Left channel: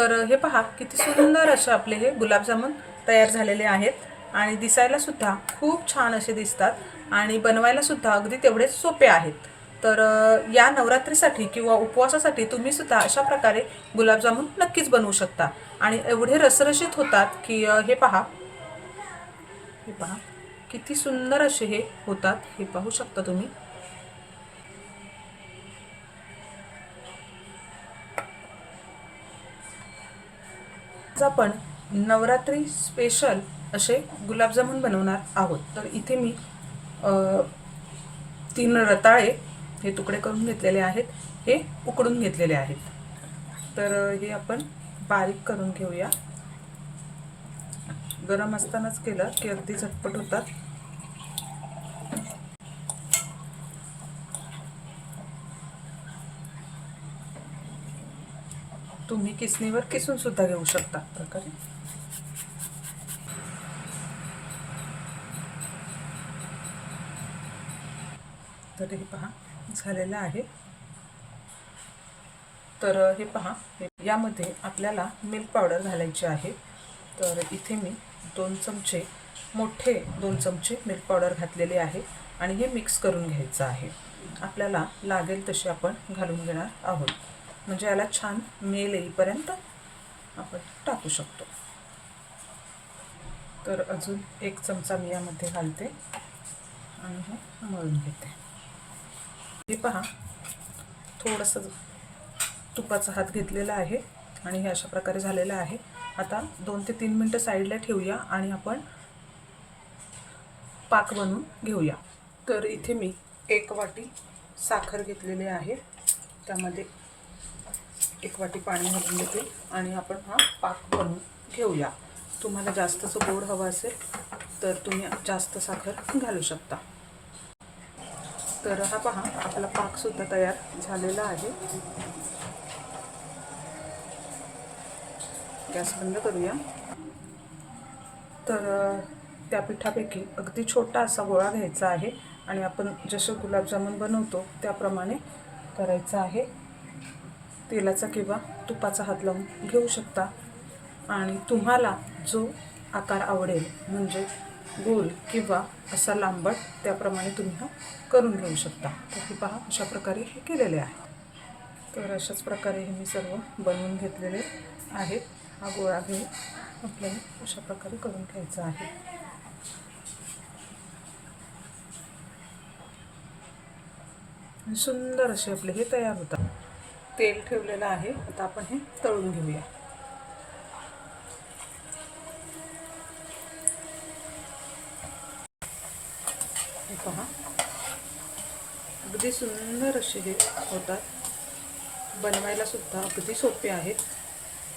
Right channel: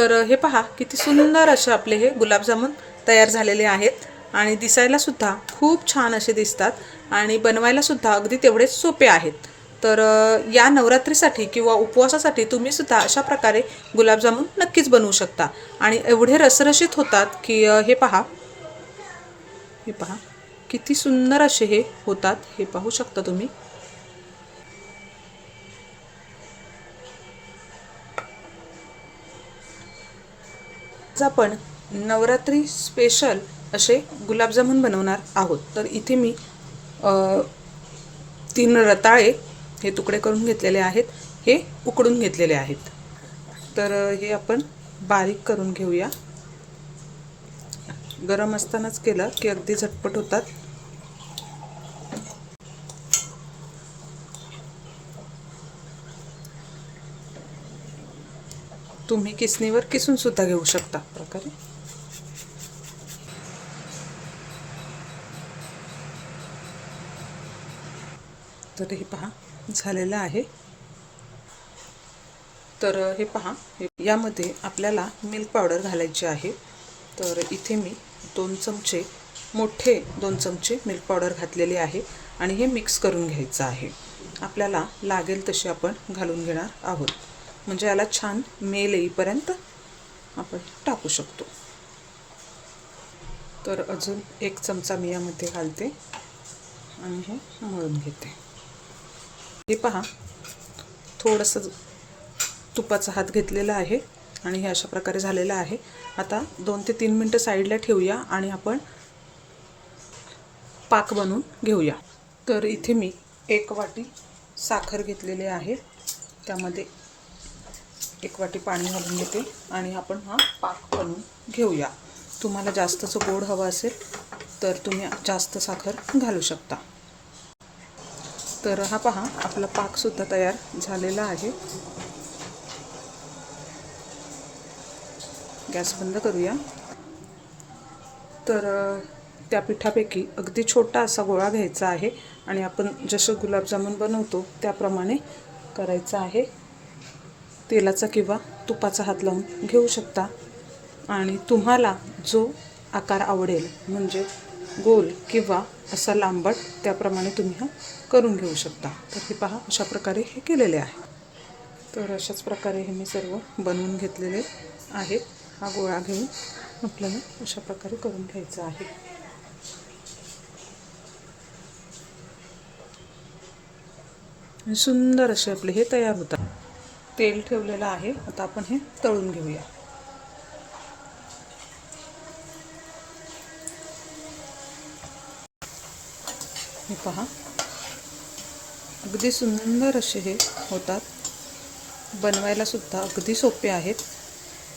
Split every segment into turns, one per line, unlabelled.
तर हे पहा किती सुंदर असे आपले हे गुलाबजामुन तयार झालेले आहेत. आणि दिसायला सुद्धा खूप छान असे दिसतात. आणि बनवायला सुद्धा अगदी तेवढेच सोपे आहेत. तर या नवरात्रीसाठी किंवा उपवासासाठी तुम्ही सुद्धा अशा प्रकारे गुलाबजामुन नक्कीच बनवू शकता. आणि एवढे रसरशीत होतात की हे पहा. हे पहा किती सुंदर असे हे होतात. हे पाहू शकता तुम्ही. आज आपण नवरात्री स्पेशल असे गुलाबजामुन बनवणार आहोत. तर इथे मी तीन रताळे हे तुकडे करून घेतलेले आहेत. हे उकडून घेतलेले आहेत. तर हे आपण बारीक करून घेऊया. गरम असतानाच केलं की अगदी झटपट होतात. तुम्ही किसणीवर किसून सुद्धा घेऊ शकता प्रकारे. तर हे पहा झालेलं आहे. तर हे पहा यामध्ये आपल्याला मिल्क पावडर घालायची आहे. तर इथे मी दोन चमचे मोठे दोन चमचे मिल्क पावडर घातलेले आहे आणि हे मिक्स करून घ्यायचं आहे. आपल्याला लागेल तसे आपण घालून घेणार आहोत. म्हणजे याला छान मेल येईपर्यंत आपण टाकू शकतो. तर अजून एक चमचा मी यामध्ये घालते आणि हे मळून घेते. हे पहा थोडंसं तुपाचा हात घेतलेला आहे आणि हे अशा प्रकारे झालेलं आहे. आता दोन ते तीन मिनटं साईडला ठेवूया आणि आपण पाक बनवून घेऊया. तर इथे मी एक वाटी साखर घेतलेली आहे. त्यामध्ये एक वाटी पाणी घालून घेते आणि आपण हा पाक बनवून घेऊया. तुम्हाला जास्तचं गोड हवं असेल तर तुम्ही जास्त साखर घालू शकता. तर हा पहा आपला पाकसुद्धा तयार झालेला आहे. गॅस बंद करूया. तर त्या पिठापैकी अगदी छोटा असा गोळा घ्यायचा आहे आणि आपण जसं गुलाबजामुन बनवतो त्याप्रमाणे करायचं आहे. तेलाचा किंवा तुपाचा हात लावून घेऊ शकता. आणि तुम्हाला जो आकार आवडेल म्हणजे गोल किंवा असा लांबट त्याप्रमाणे तुम्ही हा करून घेऊ शकता. तर हे पहा अशा प्रकारे हे केलेले आहे. तर अशाच प्रकारे हे मी सर्व बनवून घेतलेले आहेत हा गोळा घेऊन आपल्याला अशा प्रकारे करून घ्यायचा आहे. सुंदर असे आपले हे तयार होतात. तेल ठेवलेलं आहे. आता आपण हे तळून घेऊया. हे पहा. अगदी सुंदर असे हे होतात. बनवायला सुद्धा अगदी सोपे आहेत.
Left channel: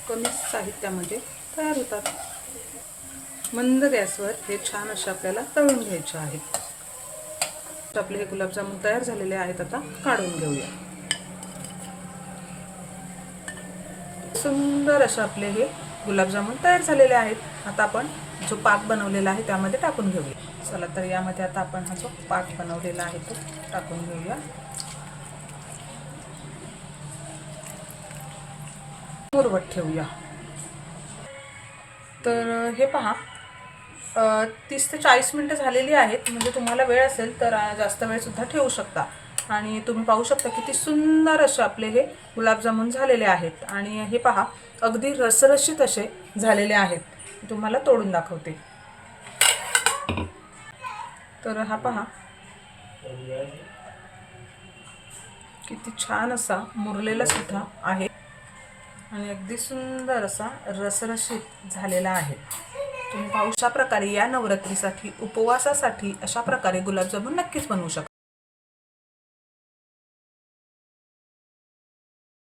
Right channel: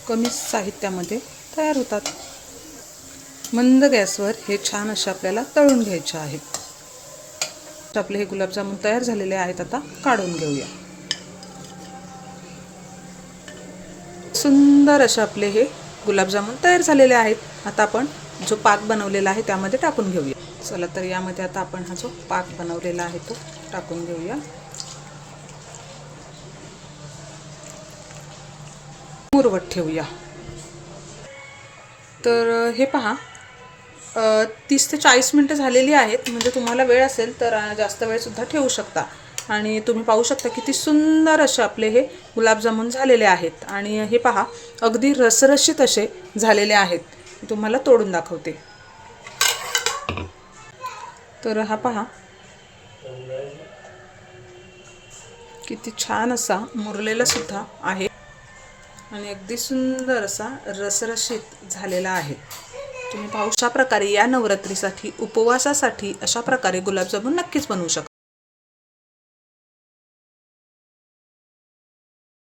कमी साहित्यामध्ये तयार होतात. मंद गॅसवर हे छान असे आपल्याला तळून घ्यायचे आहेत आपले हे गुलाबजामुन तयार झालेले आहेत. आता काढून घेऊया. सुंदर असे आपले हे गुलाबजामुन तयार झालेले आहेत. आता आपण जो पाक बनवलेला आहे त्यामध्ये टाकून घेऊया. चला तर यामध्ये आता आपण हा जो पाक बनवलेला आहे तो टाकून घेऊया. मुरवत ठेवूया. तर हे पहा. तीस ते चाळीस मिनटं झालेली आहेत. म्हणजे तुम्हाला वेळ असेल तर जास्त वेळसुद्धा ठेवू शकता. आणि तुम्ही पाहू शकता किती सुंदर असे आपले हे गुलाबजामुन झालेले आहेत. आणि हे पहा अगदी रसरशीत असे झालेले आहेत. तुम्हाला तोडून दाखवते. तर हा पहा किती छान असा मुरलेला सुद्धा आहे. आणि अगदी सुंदर असा रसरशीत झालेला आहे. तुम्ही पाहू अशा प्रकारे या नवरात्रीसाठी उपवासासाठी अशा प्रकारे गुलाबजामुन नक्कीच बनवू शकता.